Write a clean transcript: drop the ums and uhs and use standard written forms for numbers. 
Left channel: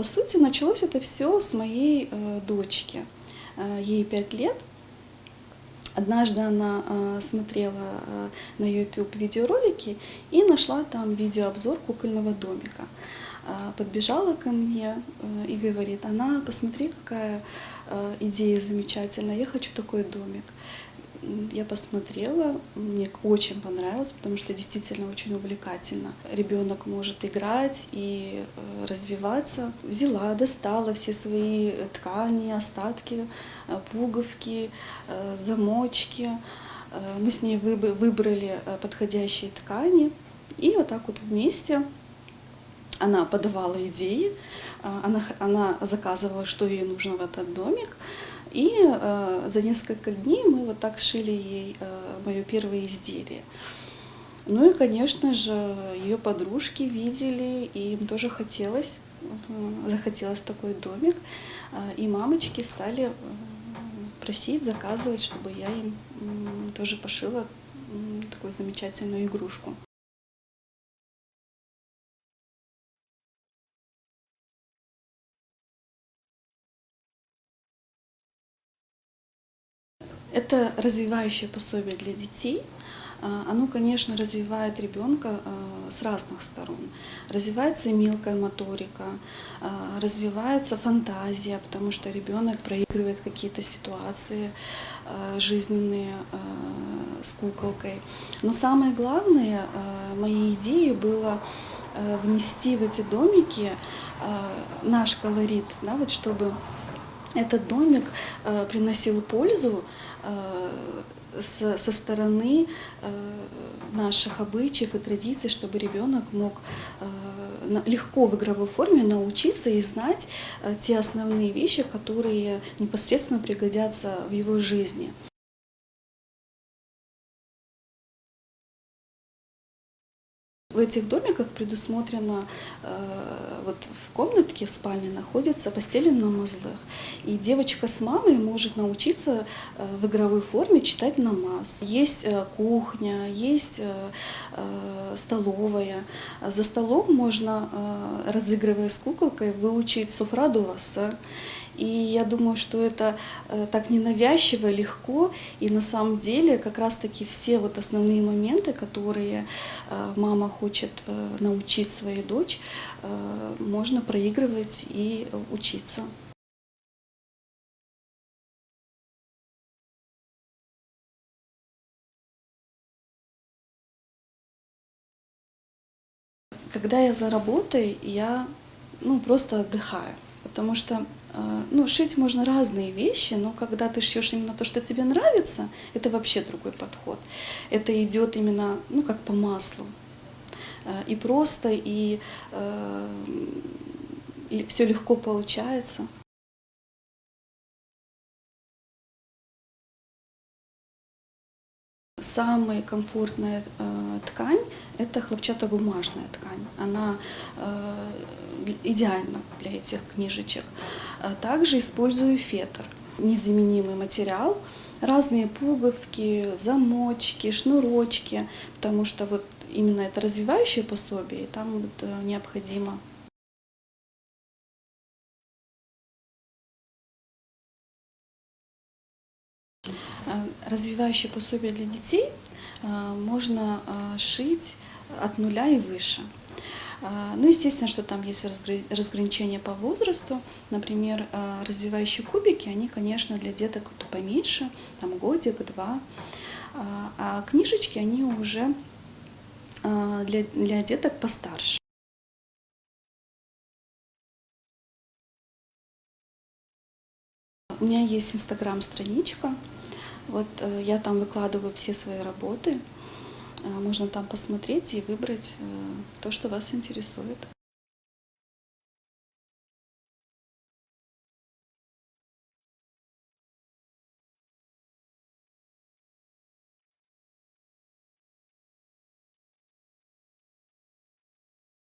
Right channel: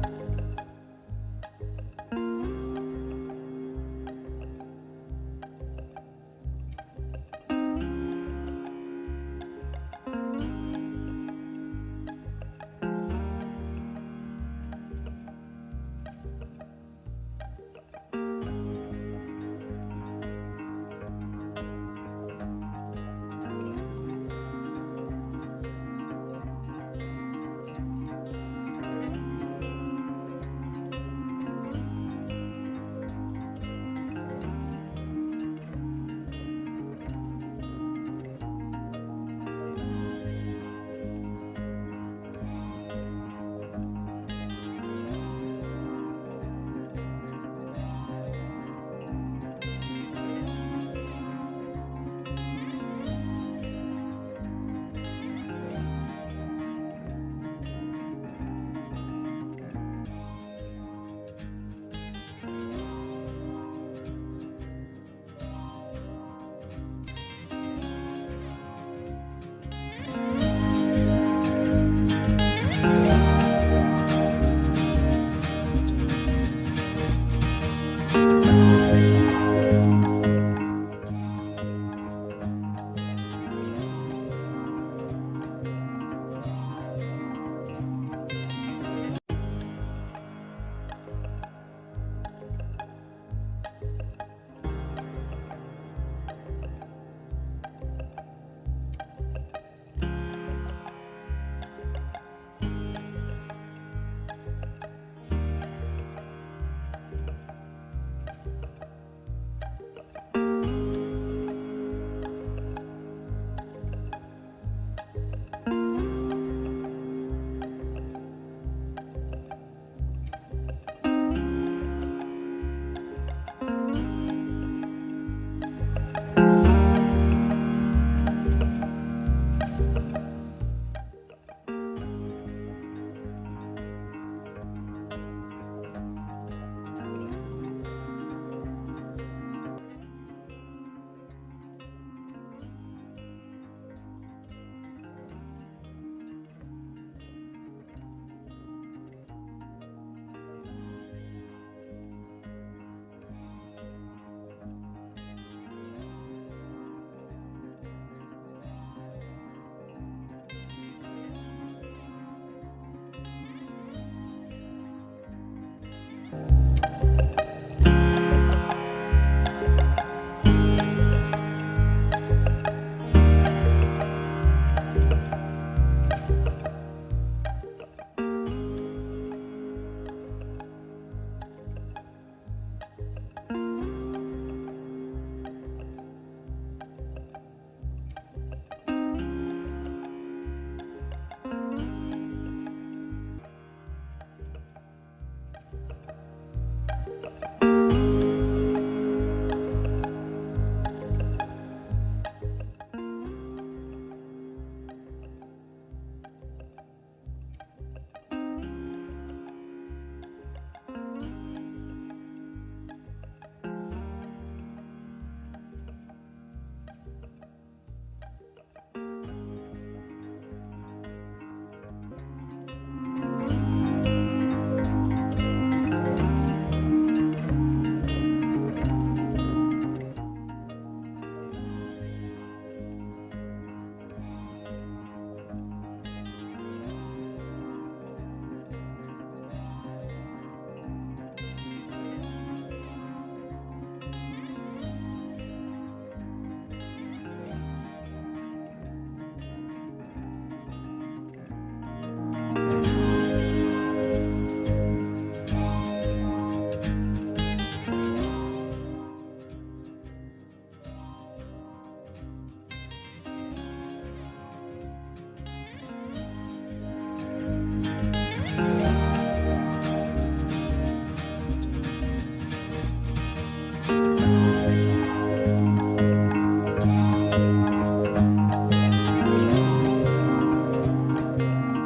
По сути, началось это все с моей дочки. Ей 5 лет. Однажды она смотрела на YouTube видеоролики и нашла там видеообзор кукольного домика. Подбежала ко мне и говорит: Анна, посмотри, какая идея замечательная, я хочу такой домик. Я посмотрела, мне очень понравилось, потому что действительно очень увлекательно. Ребенок может играть и развиваться. Взяла, достала все свои ткани, остатки, пуговки, замочки. Мы с ней выбрали подходящие ткани. И вот так вот вместе она подавала идеи, она заказывала, что ей нужно в этот домик. И за несколько дней мы вот так шили ей мое первое изделие. Ну и, конечно же, ее подружки видели, и им тоже захотелось такой домик. И мамочки стали просить, заказывать, чтобы я им тоже пошила такую замечательную игрушку. Это развивающее пособие для детей. Оно, конечно, развивает ребенка с разных сторон. Развивается и мелкая моторика, развивается фантазия, потому что ребенок проигрывает какие-то ситуации жизненные с куколкой. Но самое главное, моей идеей было внести в эти домики наш колорит, да, вот чтобы этот домик приносил пользу со стороны наших обычаев и традиций, чтобы ребенок мог легко в игровой форме научиться и знать те основные вещи, которые непосредственно пригодятся в его жизни. В этих домиках предусмотрено, вот в комнатке в спальне находится постель на мазлах, и девочка с мамой может научиться в игровой форме читать намаз. Есть кухня, есть столовая. За столом можно, разыгрывая с куколкой, выучить суфра ду васа. И я думаю, что это так ненавязчиво, легко, и на самом деле как раз-таки все вот основные моменты, которые мама хочет научить свою дочь, можно проигрывать и учиться. Когда я за работой, я просто отдыхаю, потому что шить можно разные вещи, но когда ты шьешь именно то, что тебе нравится, это вообще другой подход. Это идет именно как по маслу. И просто, и все легко получается. Самая комфортная ткань – это хлопчатобумажная ткань. Она идеальна для этих книжечек. Также использую фетр. Незаменимый материал, разные пуговки, замочки, шнурочки, потому что вот именно это развивающее пособие, и там вот необходимо. Развивающее пособие для детей можно шить от 0 и выше. Естественно, что там есть разграничения по возрасту. Например, развивающие кубики, они, конечно, для деток поменьше, там годик-два. А книжечки, они уже для деток постарше. У меня есть инстаграм-страничка. Вот я там выкладываю все свои работы. Можно там посмотреть и выбрать то, что вас интересует.